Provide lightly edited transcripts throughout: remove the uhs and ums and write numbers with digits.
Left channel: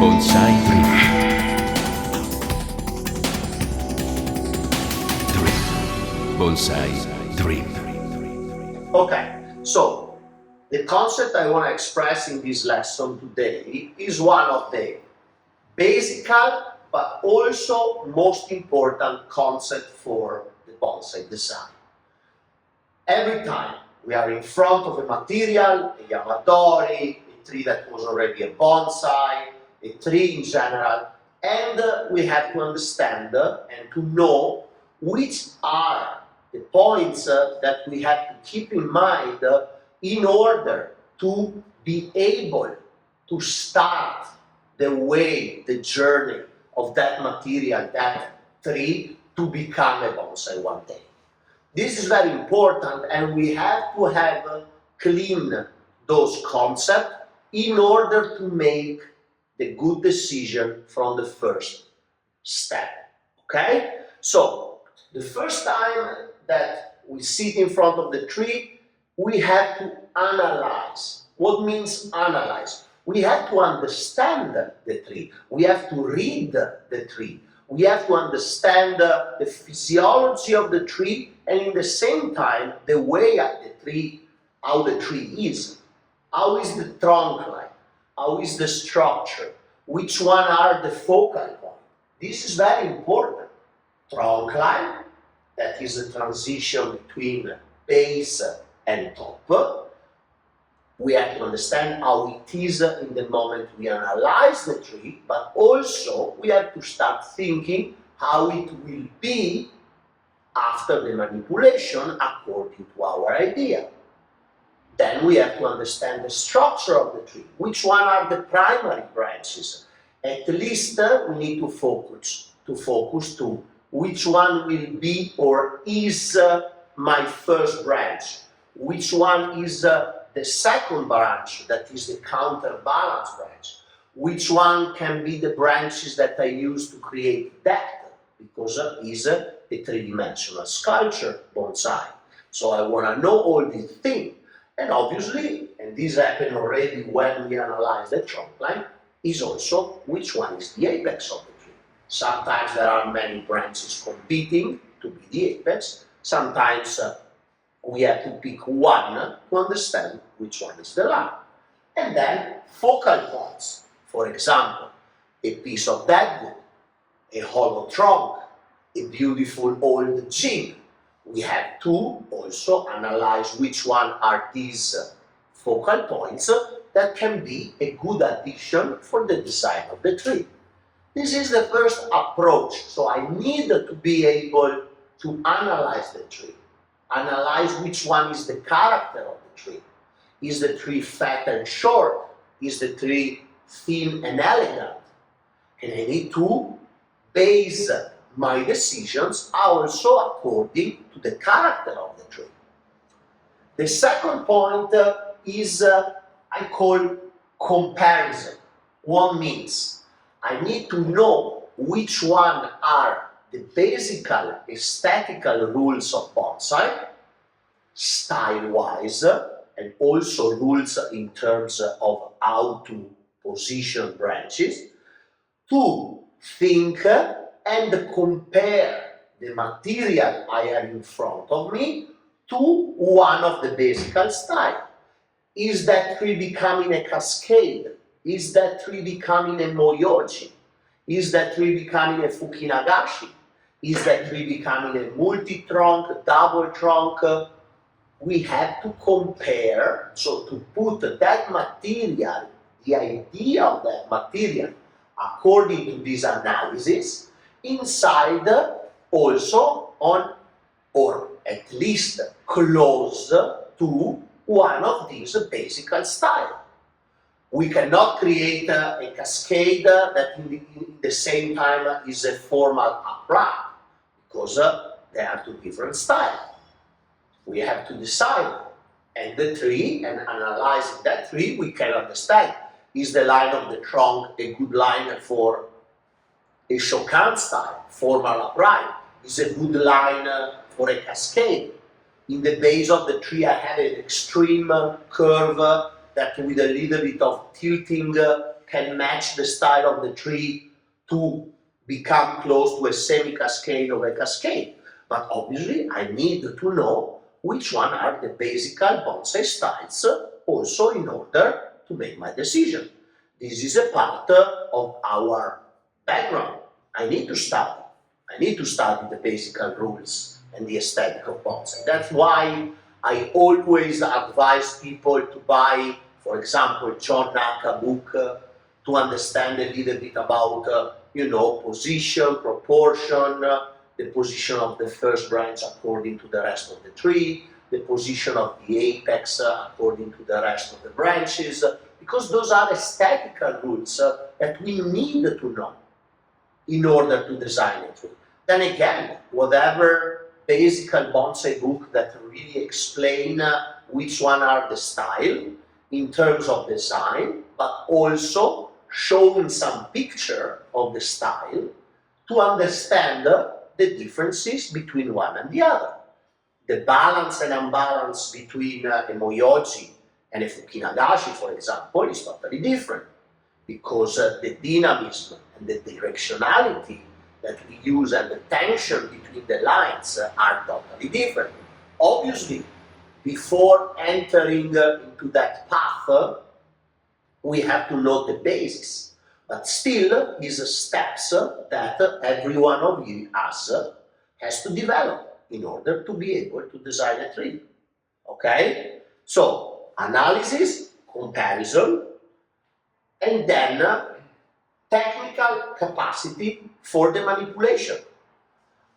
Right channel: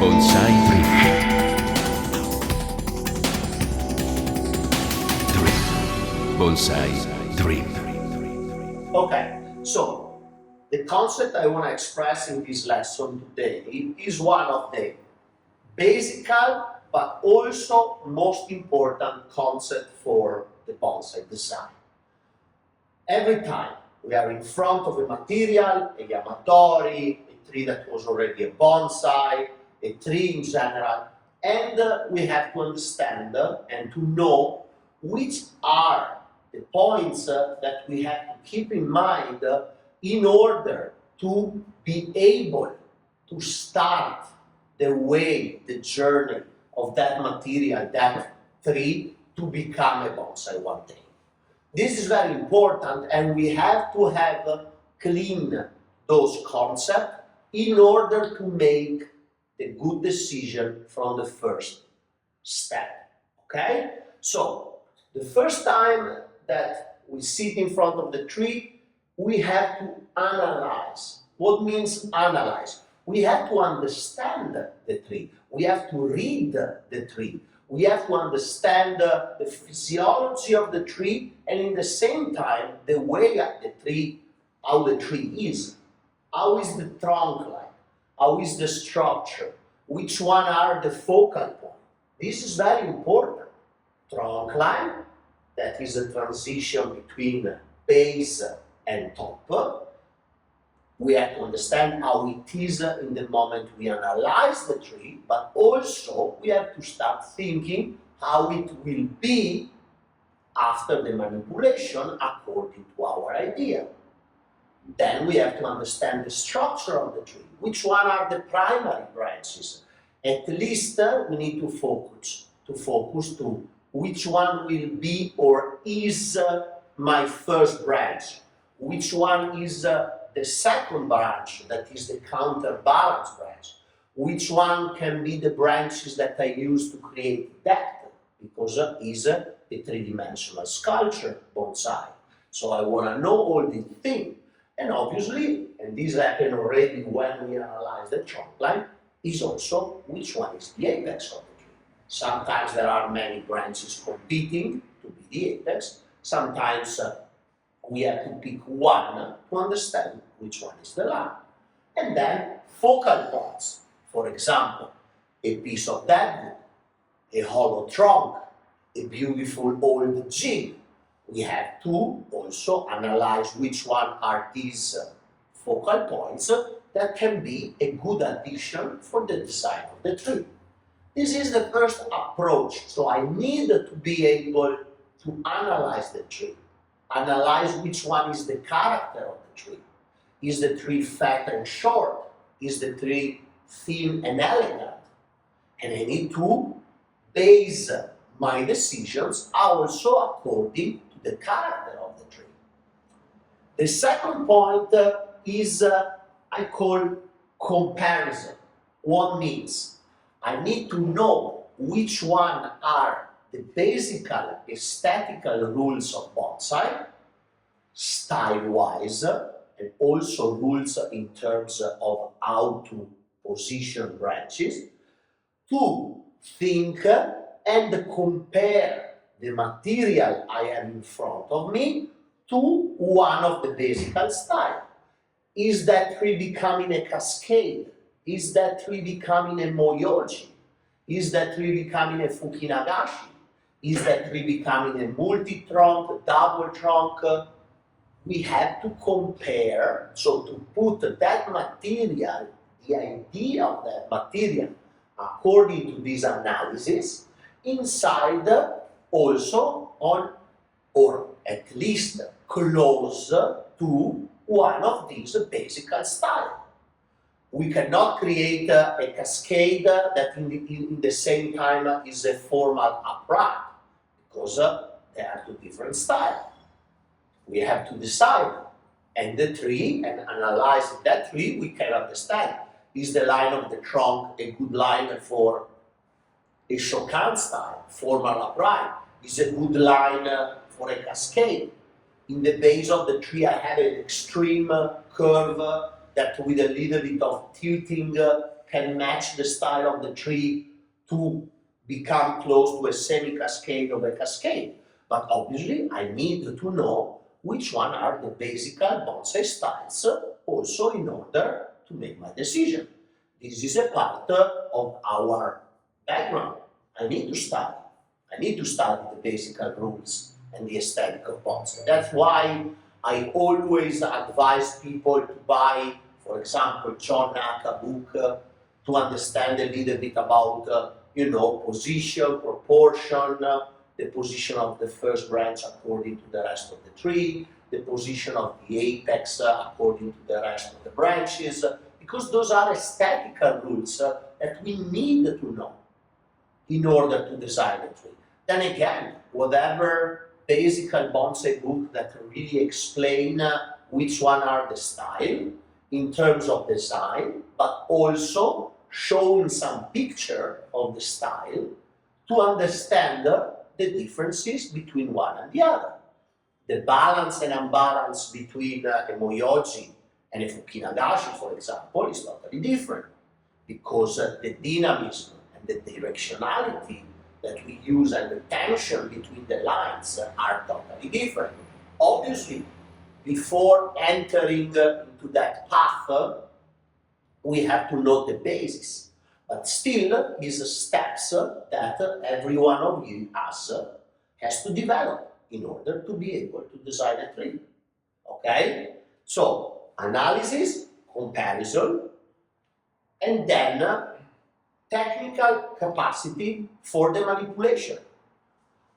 Bonsai Dream. Bonsai Dream. Okay, so the concept I want to express in this lesson today is one of the basic but also most important concept for the bonsai design. Every time we are in front of a material, a yamadori, a tree that was already a bonsai, a tree in general, and we have to understand and to know which are the points that we have to keep in mind in order to be able to start the way, the journey of that material, that tree, to become a bonsai one day. This is very important, and we have to have clean those concepts in order to make the good decision from the first step. Okay? So, the first time that we sit in front of the tree, we have to analyze. What means analyze? We have to understand the tree. We have to read the tree. We have to understand the physiology of the tree, and in the same time, the way the tree, how the tree is. How is the trunk like? How is the structure? Which one are the focal points? This is very important. Trunk line, that is the transition between base and top. We have to understand how it is in the moment we analyze the tree, but also we have to start thinking how it will be after the manipulation according to our idea. Then we have to understand the structure of the tree. Which one are the primary branches? At least we need to focus to which one will be or is my first branch. Which one is the second branch, that is the counterbalance branch. Which one can be the branches that I use to create depth, because it is a three-dimensional sculpture, bonsai. So I want to know all these things. And obviously, and this happened already when we analyze the trunk line, is also which one is the apex of the tree. Sometimes there are many branches competing to be the apex. Sometimes we have to pick one to understand which one is the line. And then focal points. For example, a piece of deadwood, a hollow trunk, a beautiful old gin. We have to also analyze which one are these focal points that can be a good addition for the design of the tree. This is the first approach. So I need to be able to analyze the tree. Analyze which one is the character of the tree. Is the tree fat and short? Is the tree thin and elegant? And I need to base my decisions also according to the character of the tree. The second point is I call comparison. What means? I need to know which one are the basic aesthetical rules of bonsai, style-wise, and also rules in terms of how to position branches, to think and compare the material I have in front of me to one of the basic styles. Is that tree becoming a cascade? Is that tree becoming a moyoji? Is that tree becoming a fukinagashi? Is that tree becoming a multi-trunk, double trunk? We have to compare, so to put that material, the idea of that material, according to this analysis, inside also on, or at least close to one of these basic styles. We cannot create a cascade that in the same time is a formal upright, because they are two different styles. We have to decide, and the tree, and analyzing that tree, we can understand. Is the line of the trunk a good line for a Shokan style, formal upright? Is a good line for a cascade? In the base of the tree, I have an extreme curve that with a little bit of tilting can match the style of the tree to become close to a semi-cascade or a cascade. But obviously, I need to know which one are the basic bonsai styles also in order to make my decision. This is a part of our background. I need to study. I need to study the basic rules and the aesthetic of bonsai. That's why I always advise people to buy, for example, John Naka book to understand a little bit about, position, proportion, the position of the first branch according to the rest of the tree, the position of the apex according to the rest of the branches, because those are aesthetical rules that we need to know in order to design a tree. Then again, whatever basic bonsai book that really explain which one are the style in terms of design, but also showing some picture of the style to understand the differences between one and the other. The balance and imbalance between a Moyoji and a Fukinagashi, for example, is totally different because the dynamism and the directionality that we use and the tension between the lines are totally different. Obviously, before entering into that path, we have to know the basis. But still, these steps that every one of you has to develop in order to be able to design a tree. Okay? So, analysis, comparison, and then technical capacity for the manipulation.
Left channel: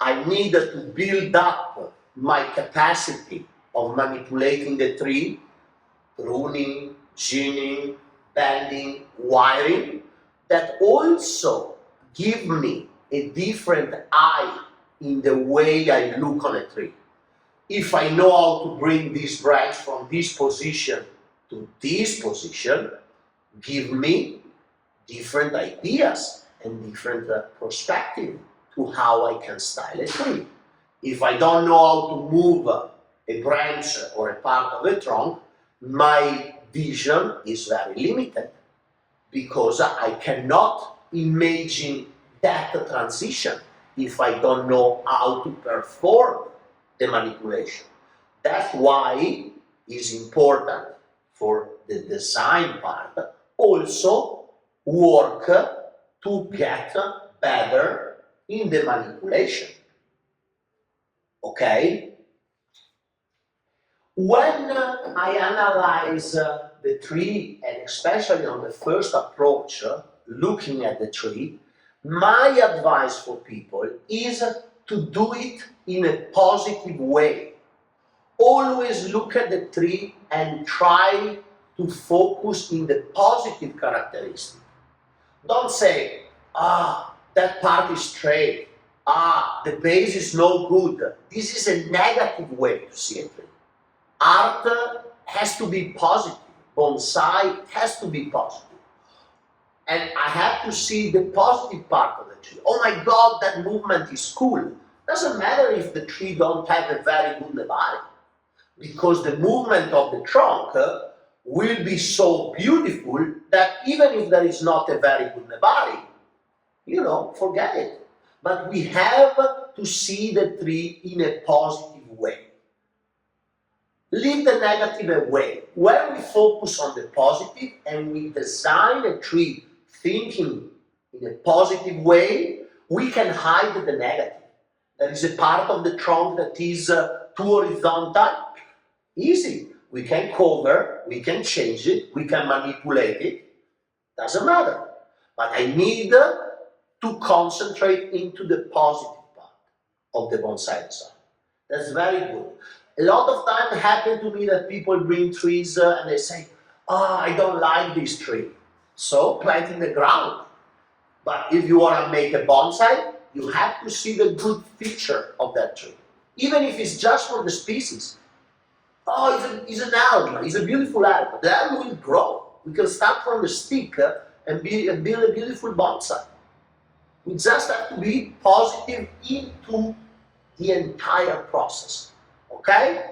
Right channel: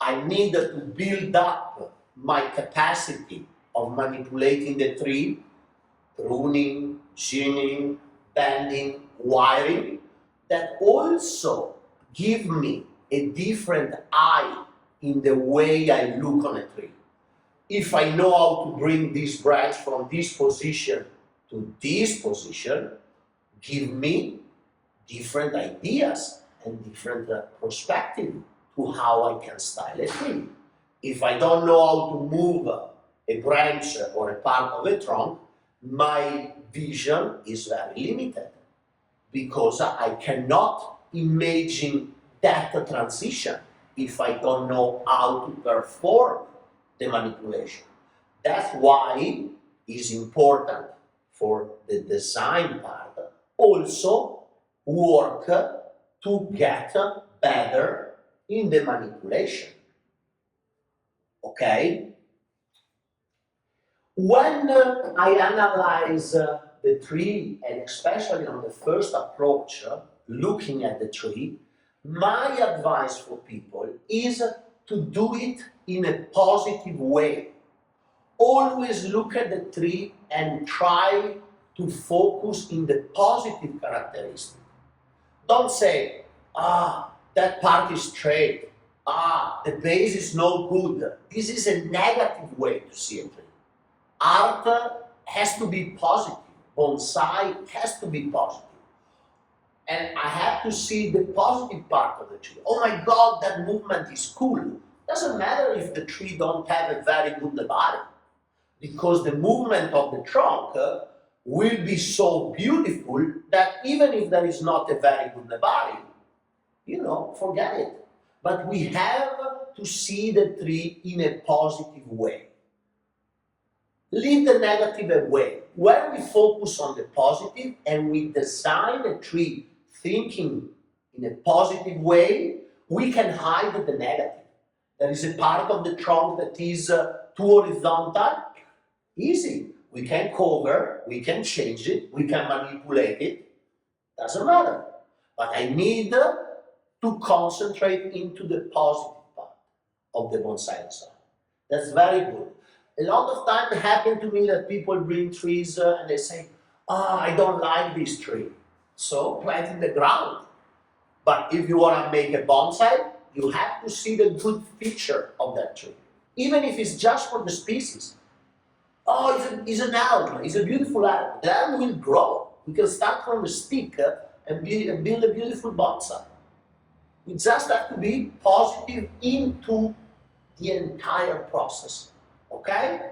I need to build up my capacity of manipulating the tree, pruning, ginning, bending, wiring, that also give me a different eye in the way I look on a tree. If I know how to bring this branch from this position to this position, give me different ideas and different perspective to how I can style a tree. If I don't know how to move a branch or a part of a trunk, my vision is very limited because I cannot imagine that transition if I don't know how to perform the manipulation. That's why it's important for the design part also work to get better in the manipulation. Okay? When I analyze the tree, and especially on the first approach, looking at the tree, my advice for people is to do it in a positive way. Always look at the tree and try to focus in the positive characteristic. Don't say, that part is straight, the base is no good. This is a negative way to see a tree. Art has to be positive. Bonsai has to be positive. And I have to see the positive part of the tree. Oh my God, that movement is cool. Doesn't matter if the tree don't have a very good body, because the movement of the trunk will be so beautiful that even if there is not a very good body, forget it. But we have to see the tree in a positive way. Leave the negative away. When we focus on the positive and we design a tree thinking in a positive way, we can hide the negative. There is a part of the trunk that is too horizontal. Easy. We can cover, we can change it, we can manipulate it. Doesn't matter. But I need to concentrate into the positive part of the bonsai design. That's very good. A lot of time happen to me that people bring trees and they say, I don't like this tree. So plant in the ground. But if you want to make a bonsai, you have to see the good feature of that tree. Even if it's just for the species. It's an elm, it's a beautiful elm. The elm will grow. We can start from the stick and build a beautiful bonsai. We just have to be positive into the entire process. Okay?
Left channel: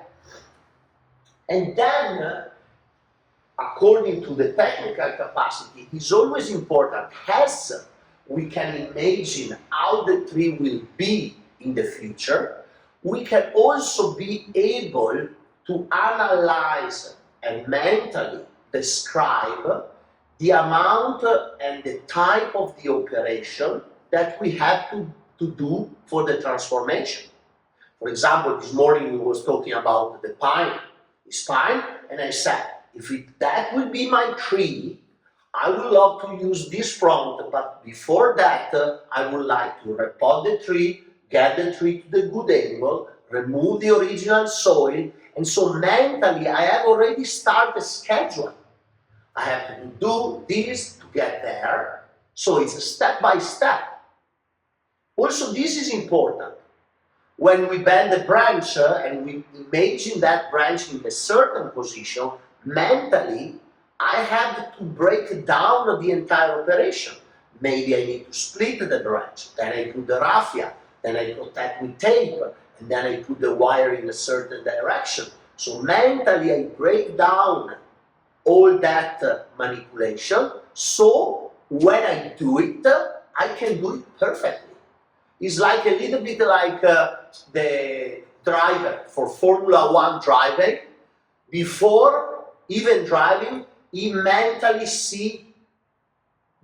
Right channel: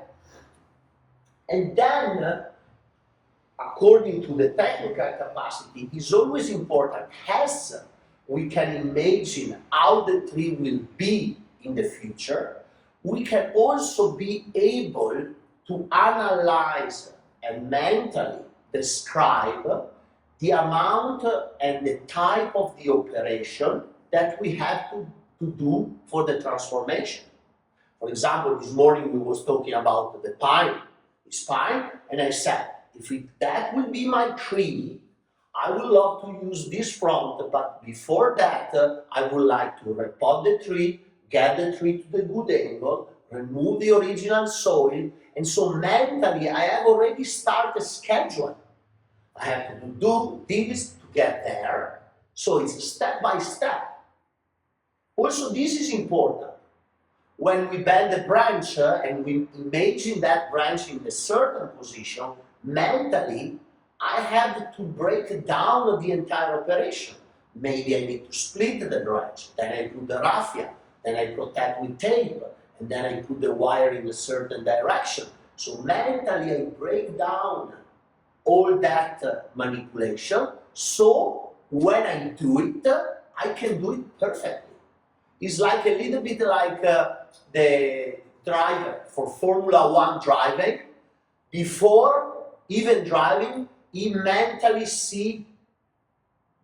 And then according to the technical capacity, is always important, as we can imagine how the tree will be in the future. We can also be able to analyze and mentally describe the amount and the type of the operation that we have to do for the transformation. For example, this morning we was talking about the pine, this pine, and I said, if that will be my tree, I would love to use this front, but before that, I would like to repot the tree, get the tree to the good angle, remove the original soil, and so mentally I have already started a schedule. I have to do this to get there, so it's a step by step. Also, this is important. When we bend the branch and we imagine that branch in a certain position, mentally, I have to break down the entire operation. Maybe I need to split the branch, then I put the raffia, then I protect with tape, and then I put the wire in a certain direction. So mentally I break down all that manipulation, so when I do it, I can do it perfectly. It's like a little bit like the driver for Formula 1 driving. Before even driving, he mentally sees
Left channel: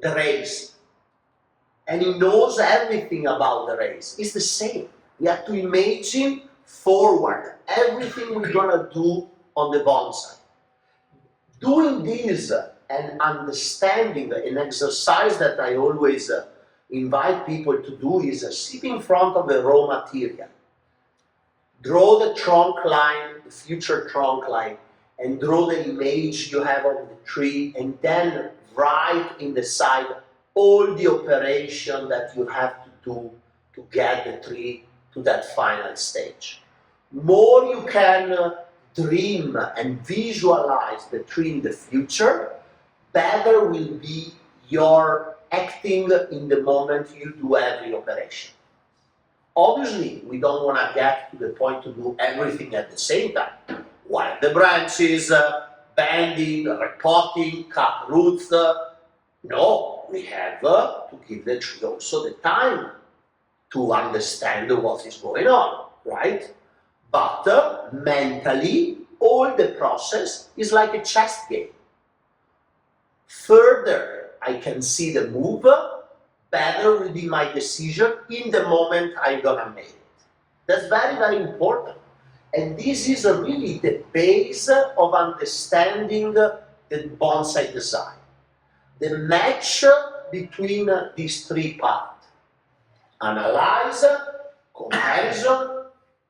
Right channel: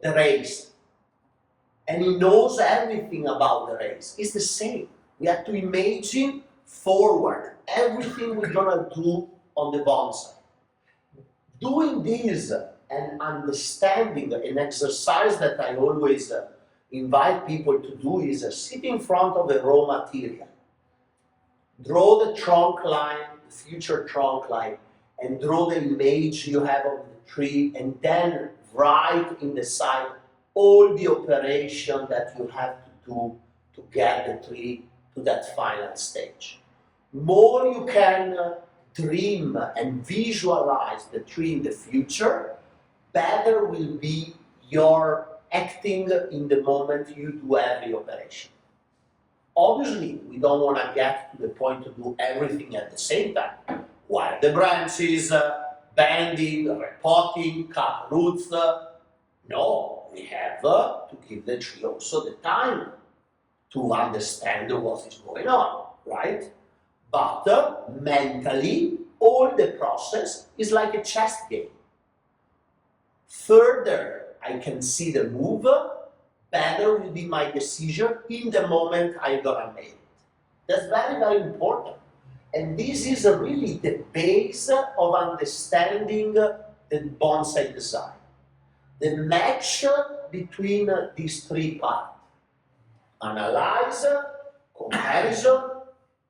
the race. And he knows everything about the race. It's the same. We have to imagine forward everything we're gonna do on the bonsai. Doing this and understanding an exercise that I always invite people to do is sit in front of a raw material. Draw the trunk line, the future trunk line, and draw the image you have of the tree, and then write in the side all the operation that you have to do to get the tree to that final stage. More you can dream and visualize the tree in the future, better will be your acting in the moment you do every operation. Obviously, we don't want to get to the point to do everything at the same time. While the branches, bending, repotting, cut roots, no, we have to give the tree also the time to understand what is going on, right? But mentally, all the process is like a chess game. Further I can see the move, better will be my decision in the moment I'm gonna make it. That's very, very important. And this is really the base of understanding the bonsai design. The match between these three parts: analyze, comparison,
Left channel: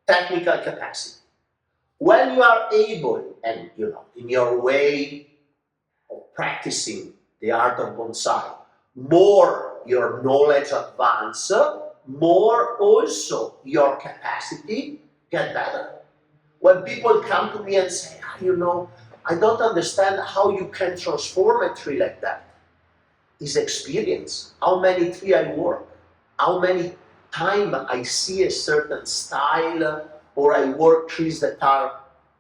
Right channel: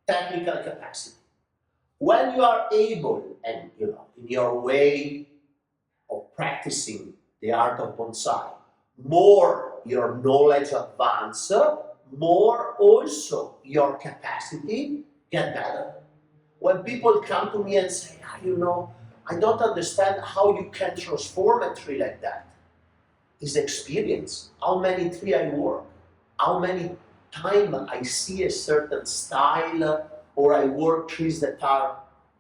technical capacity. When you are able, and in your way of practicing the art of bonsai, more your knowledge advance, more also your capacity get better. When people come to me and say, I don't understand how you can transform a tree like that. It's experience. How many trees I work, how many times I see a certain style, or I work trees that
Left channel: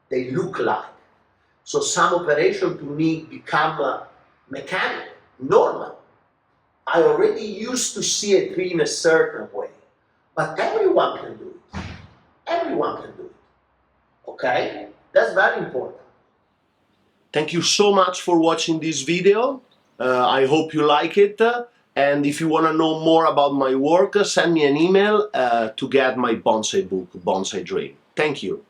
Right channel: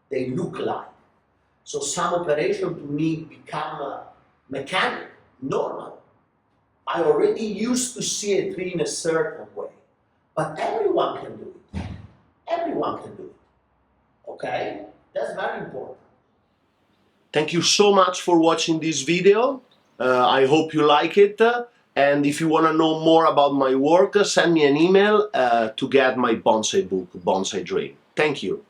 they look like. So some operation to me become mechanic, normal. I already used to see a tree in a certain way, but everyone can do it. Everyone can do it. Okay? That's very important. Thank you so much for watching this video. I hope you like it. And if you want to know more about my work, send me an email to get my bonsai book, Bonsai Dream. Thank you.